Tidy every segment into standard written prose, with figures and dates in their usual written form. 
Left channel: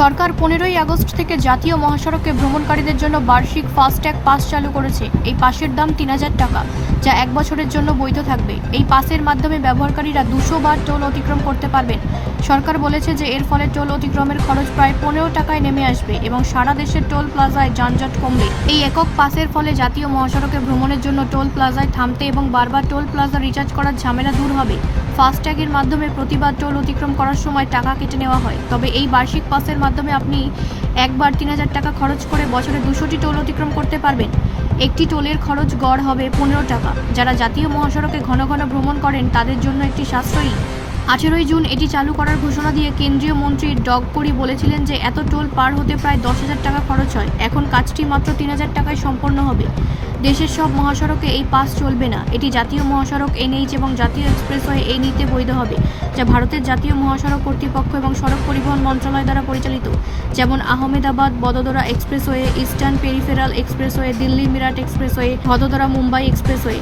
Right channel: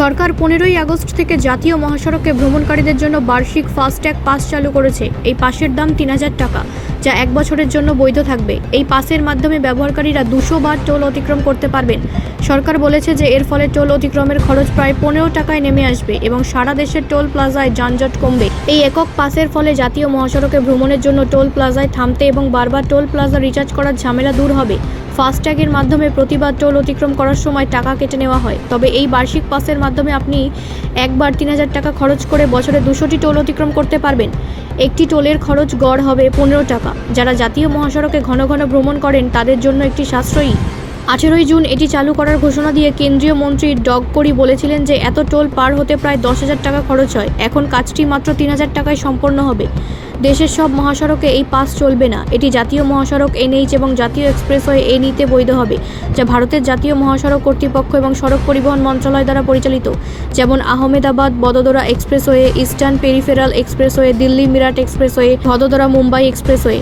সরকার 15ই August থেকে জাতীয় মহাসড়কে ভ্রমণকারীদের জন্য বার্ষিক ফাস্ট্যাগ পাস চালু করেছে। এই পাসের দাম 3000 টাকা, যা 1 বছরের জন্য বৈধ থাকবে। এই পাসের মাধ্যমে ব্যবহারকারীরা 200 বার টোল অতিক্রম করতে পারবেন। সরকার বলেছে যে এর ফলে টোল অতিক্রমের খরচ প্রায় 15 টাকায় নেমে আসবে এবং সারা দেশের টোল প্লাজায় যানজট কমবে। এই একক পাসের ফলে জাতীয় মহাসড়কে ভ্রমণের জন্য টোল প্লাজায় থামতে এবং বারবার টোল প্লাজা রিচার্জ করার ঝামেলা দূর হবে। ফাস্ট্যাগের মাধ্যমে প্রতিবার টোল অতিক্রম করার সময় টাকা কেটে নেওয়া হয়, তবে এই বার্ষিক পাসের মাধ্যমে আপনি একবার 3000 টাকা খরচ করে বছরে 200টি টোল অতিক্রম করতে পারবেন। একটি টোলের খরচ গড় হবে 15 টাকা। যারা জাতীয় মহাসড়কে ঘন ঘন ভ্রমণ করেন তাদের জন্য একটি সাশ্রয়ী। 18ই জুন এটি চালু করার ঘোষণা দিয়ে কেন্দ্রীয় মন্ত্রী গডকরি বলেছিলেন যে এত টোল পার হতে প্রায় 10,000 টাকা খরচ হয়। এখন কাজটি মাত্র 3000 টাকায় সম্পন্ন হবে। দেশের সব মহাসড়কে এই পাস চলবে না। এটি জাতীয় মহাসড়ক NH এবং জাতীয় এক্সপ্রেসওয়ে NE-তে বৈধ হবে, যা ভারতের জাতীয় মহাসড়ক কর্তৃপক্ষ এবং সড়ক পরিবহন মন্ত্রণালয় দ্বারা পরিচালিত, যেমন Ahmedabad Vadodara expressway, eastern peripheral expressway, Delhi Meerut expressway, Vadodara Mumbai expressway.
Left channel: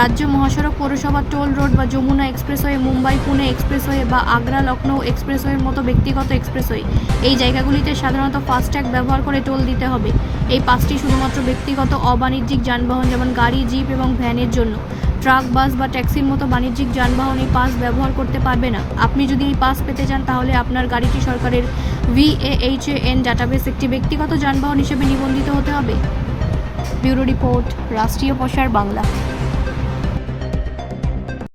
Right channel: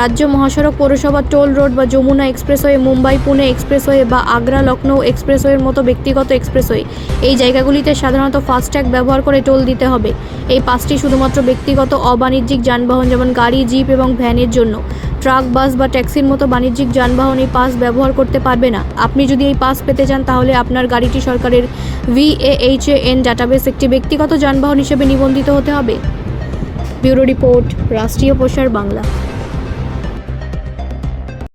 রাজ্য মহাসড়ক, পৌরসভা, টোল রোড বা যমুনা এক্সপ্রেসওয়ে, মুম্বাই পুনে এক্সপ্রেসওয়ে বা আগ্রা লখনৌ এক্সপ্রেসওয়ের মতো ব্যক্তিগত এক্সপ্রেসওয়ে, এই জায়গাগুলিতে সাধারণত ফাস্ট্যাগ ব্যবহার করে টোল দিতে হবে। এই পাসটি শুধুমাত্র ব্যক্তিগত অবাণিজ্যিক যানবাহন যেমন গাড়ি, জিপ এবং ভ্যানের জন্য। ট্রাক, বাস বা ট্যাক্সির মতো বাণিজ্যিক যানবাহন এই পাস ব্যবহার করতে পারবে না। আপনি যদি এই পাস পেতে চান তাহলে আপনার গাড়িটি সরকারের VAHAN ডাটাবেস একটি ব্যক্তিগত যানবাহন হিসেবে নিবন্ধিত হতে হবে। ব্যুরো রিপোর্ট, রাষ্ট্রীয় প্রসার বাংলা।